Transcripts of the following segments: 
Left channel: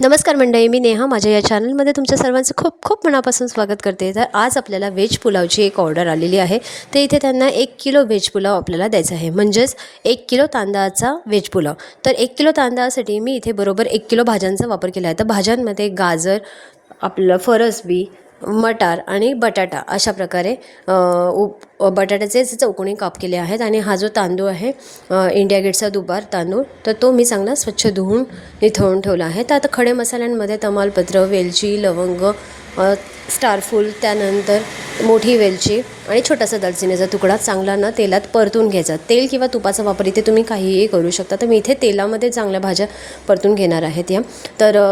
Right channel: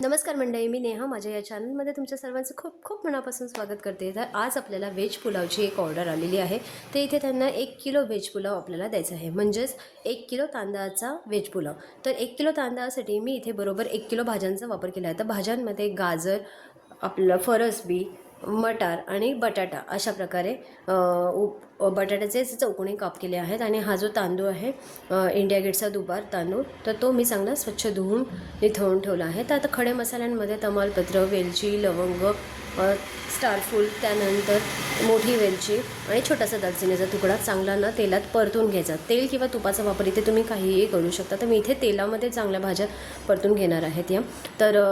नमस्कार मंडळी, मी नेहा माझ्या या चॅनलमध्ये तुमच्या सर्वांचं खूप खूप मनापासून स्वागत करते। तर आज आपल्याला व्हेज पुलावची एक ऑर्डर आलेली आहे। तर इथे त्यांना 1 किलो व्हेज पुलाव आपल्याला द्यायचा आहे, म्हणजेच 1 किलो तांदळाचा व्हेज पुलाव। तर 1 किलो तांदळासाठी मी इथे बरोबर 1 किलो भाज्यांचा वापर केला आहे। तर भाज्यांमध्ये गाजर, आपलं फरसबी, मटार आणि बटाटा अशा प्रकारे बटाट्याचे चौकोनी काप केले आहेत। आणि हा जो तांदूळ आहे इंडिया गेटचा दुबार तांदूळ, तर तो मी चांगला स्वच्छ धुवून निथळून ठेवला आहे। तर आता खडे मसाल्यांमध्ये तमालपत्र, वेलची, लवंग, स्टारफूल, त्यानंतर मोठी वेलची आणि छोटासा दालचिनीचा तुकडा चांगला ना तेलात परतून घ्यायचा। तेल किंवा तुपाचा वापर इथे तुम्ही काहीही करू शकता। तर मी इथे तेलामध्ये चांगल्या भाज्या परतून घेणार आहेत या। तर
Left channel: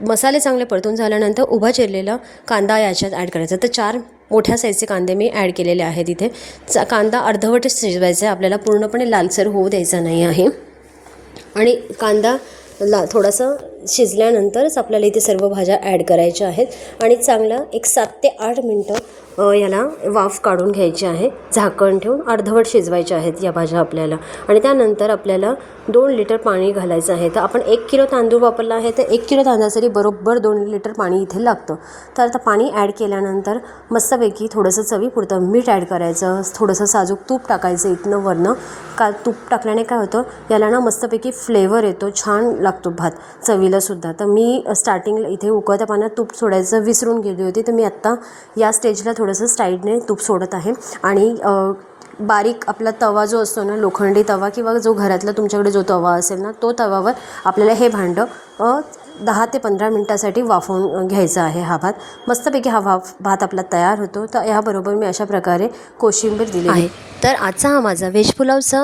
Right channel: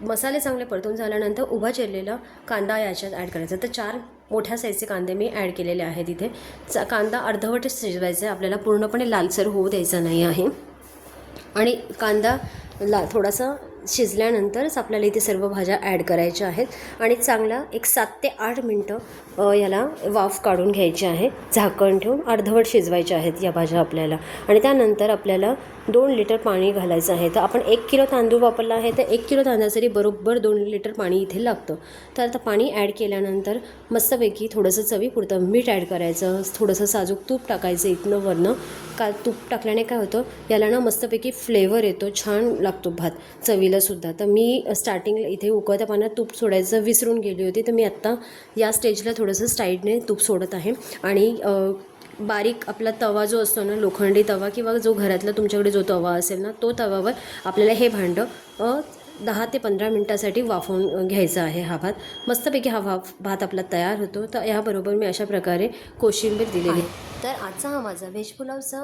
मसाले चांगले परतून झाल्यानंतर उभा चिरलेला कांदा याच्यात ॲड करायचा। तर 4 मोठ्या साईजचे कांदे मी ॲड केलेले आहेत इथे। कांदा अर्धवटच शिजवायचा आहे, आपल्याला पूर्णपणे लालसर होऊ द्यायचा नाही आहे। आणि कांदा थोडासा शिजल्यानंतरच आपल्याला इथे सर्व भाज्या ॲड करायच्या आहेत। आणि चांगला एक 7 ते 8 मिनटं याला वाफ काढून घ्यायची आहे। झाकण ठेवून अर्धवट शिजवायच्या आहेत या भाज्या आपल्याला। आणि त्यानंतर आपल्याला 2 लिटर पाणी घालायचं आहे। तर आपण 1 किलो तांदूळ वापरला आहे, तर 1 किलो तांदळासाठी बरोबर 2 लिटर पाणी इथे लागतं। तर आता पाणी ॲड केल्यानंतर मस्तपैकी थोडंसं चवीपुरतं मीठ ॲड करायचं, थोडंसं साजूक तूप टाकायचं इथनं वरनं। तूप टाकल्याने काय होतं, याला ना मस्तपैकी फ्लेवर येतो, छान लागतो भात चवीलासुद्धा। तर मी स्टार्टिंगला इथे उकळत्या पाण्यात तूप सोडायचं विसरून गेली होती, तर मी आत्ता या स्टेजला थोडंसं साईडने तूप सोडत आहे। आणि बारीक आपला तवा जो असतो ना, लोखंडी तवा किंवा जो घरातला तुमच्याकडे जो तवा असेल ना, तो तवावर आपल्याला हे भांडं 10 ते 15 मिनटासाठी वाफवून घ्यायचा आहे। हा भात मस्तपैकी भात आपला तयार होतो। तर याबरोबर मी अशा प्रकारे कोशिंबीर दिली आहे। तर आजचा हा माझा व्हेज पुलावचा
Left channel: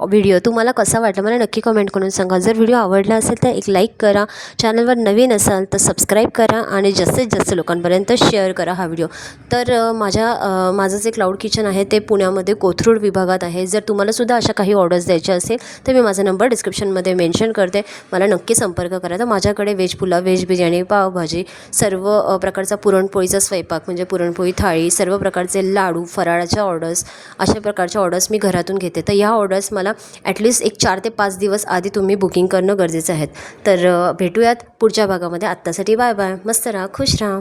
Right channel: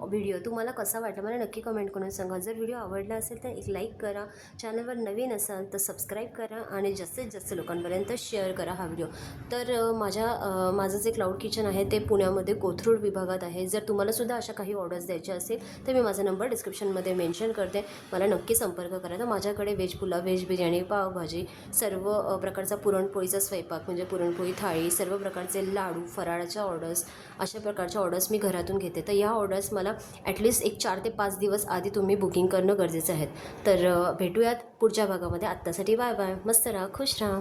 व्हिडिओ तुम्हाला कसा वाटला मला नक्की कमेंट करून सांगा। जर व्हिडिओ आवडला असेल तर एक लाईक करा, चॅनलवर नवीन असाल तर सबस्क्राईब करा आणि जास्तीत जास्त लोकांपर्यंत शेअर करा हा व्हिडिओ। तर माझं जे क्लाउड किचन आहे ते पुण्यामध्ये कोथरूड विभागात आहे। जर तुम्हालासुद्धा अशा काही ऑर्डर्स द्यायच्या असेल तर मी माझा नंबर डिस्क्रिप्शनमध्ये मेन्शन करते, मला नक्की संपर्क करा। तर माझ्याकडे व्हेज पुलाव, व्हेज बिर्याणी, पावभाजी, सर्व प्रकारचा पुरणपोळीचा स्वयंपाक म्हणजे पुरणपोळी थाळी, सर्व प्रकारचे लाडू, फराळाच्या ऑर्डर्स, अशा प्रकारच्या ऑर्डर्स मी घरातून घेते। तर या ऑर्डर्स मला ॲटलिस्ट एक 4 ते 5 दिवस आधी तुम्ही बुकिंग करणं गरजेचं आहे। तर भेटूयात पुढच्या भागामध्ये। आत्तासाठी बाय बाय, मस्त राहा, खुश राहा।